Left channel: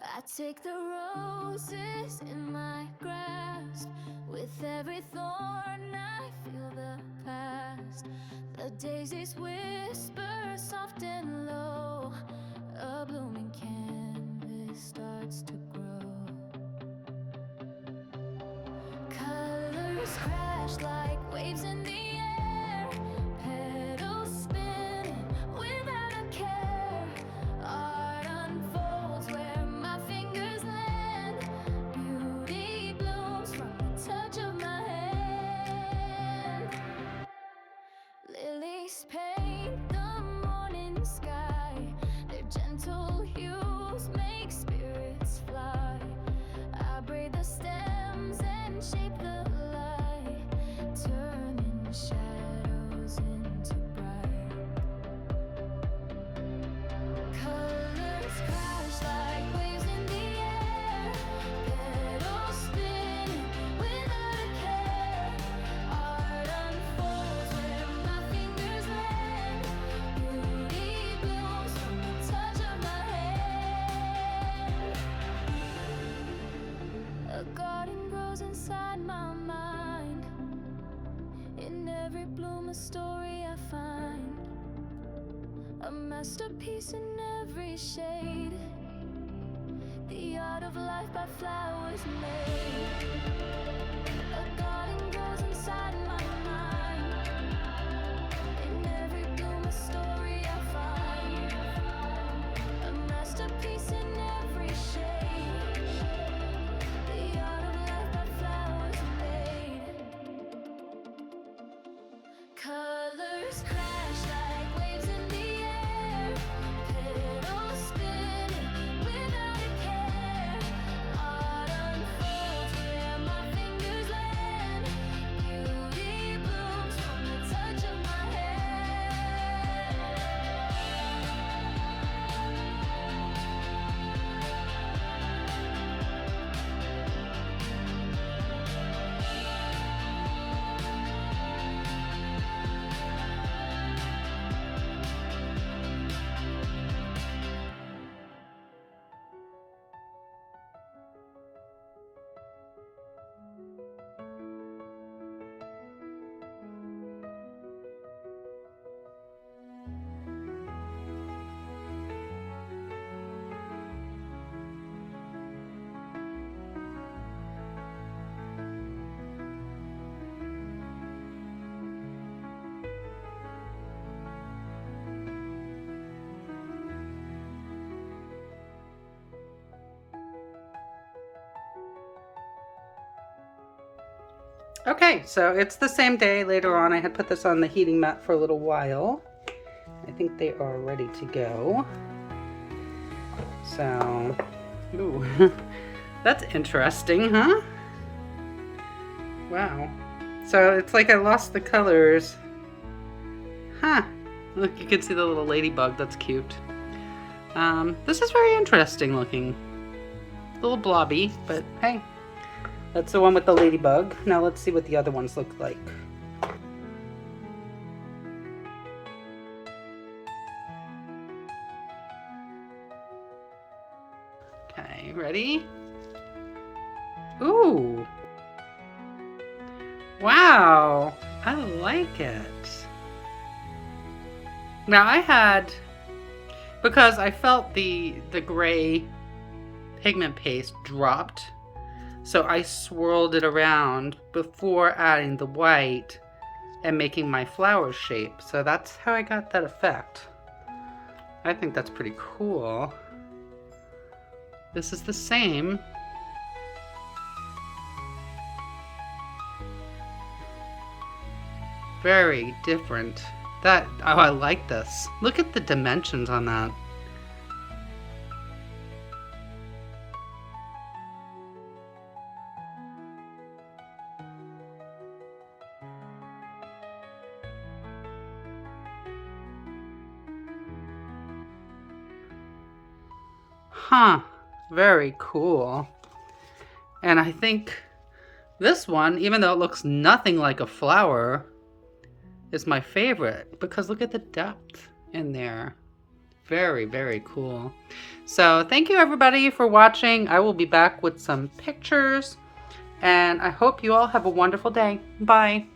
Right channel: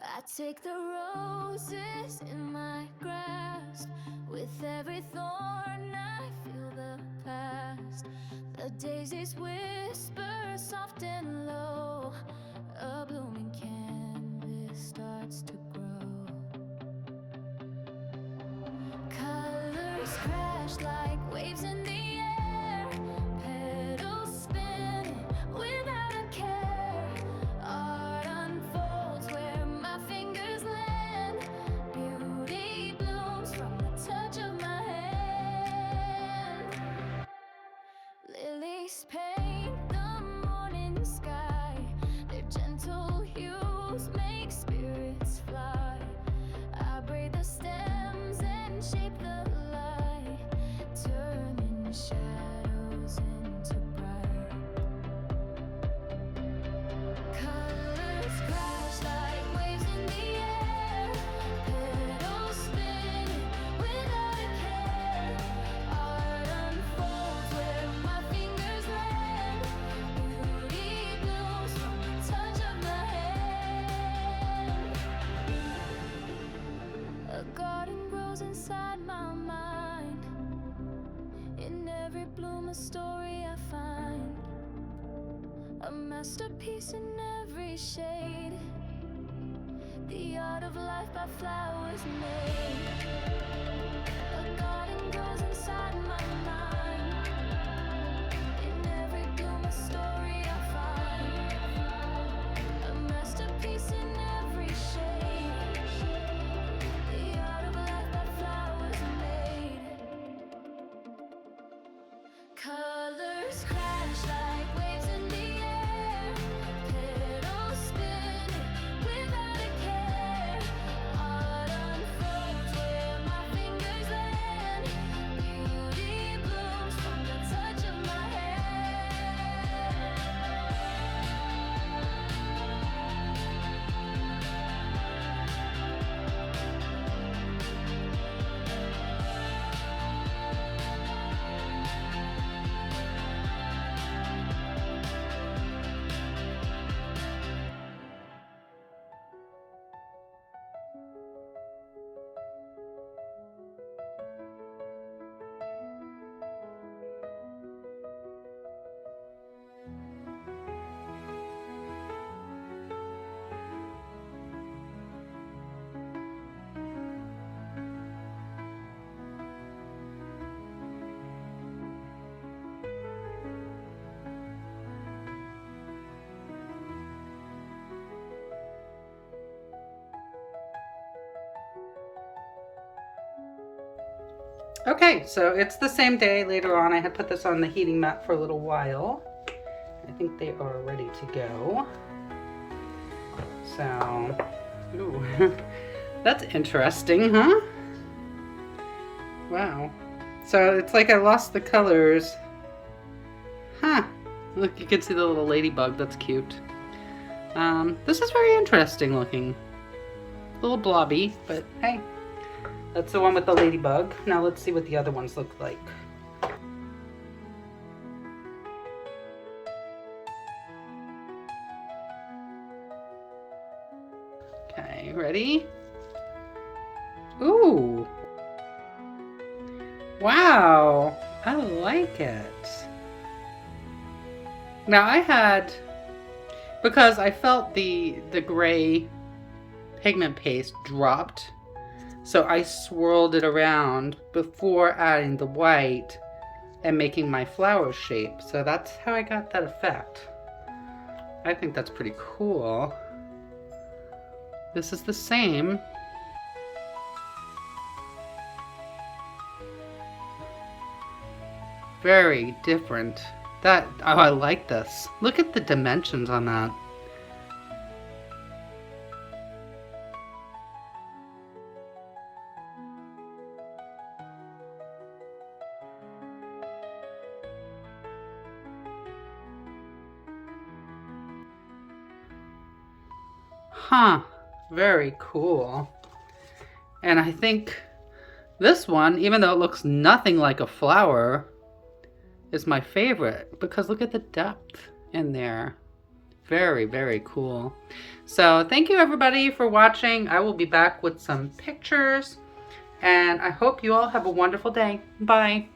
I take the roses in my grasp. With every thorn I feel the past. The daisies whisper soft and low. A blooming canvas starts to grow. Colors crash like waves in the air. Petals spinning without a care. Art unfolds where my fingers land. Beauty blooms from the touch of my hand. Lilies paint the morning sky. Their gentle hues make spirits fly. I braid the stems and shape the light, turning shadows into bright. Colors crash like waves in the air. Petals spinning without a care. Art unfolds where my fingers land. Beauty blooms from the touch of my hand. A garden grows inside my mind. In every bloom a story I find. A masterpiece in every shade. The art of life by flowers made. A garden grows inside my mind. In every bloom a story I find. A masterpiece in every shade. The art of life by flowers made. Colors crash like waves in the air. Petals spinning without a care. Art unfolds where my fingers land. Beauty blooms from the touch of my hand. Okay, so it's the same day. Later on, I had put this on the heating mat for a little while. I think they are ready to go. So, ooh, that's interesting, huh? Wow. So it's like I lost the colors. Huh. Look, you can see the little ladybug. That's cute. This is very interesting looking. A little blobby, but hey. That's the one with the ladybug. Now let's see what the other ones look like. Okay, ready? Ooh. Wow, I like it. Now I had, because I felt the gray pigment paste dropped, so I swirled it around before adding the white and making my flower shape. So that's how I got that effect. I think that's pretty cool. This is the same. Very different. Oh, I like this. Look at the dimensions on that. Huh, very cool. And I think this one, even though it looks nothing like a flower, is my favorite because look at the depth in there. Very, very cool. So thank you everybody for watching. I will be back with some pictures, and I hope you all have a wonderful day. Bye.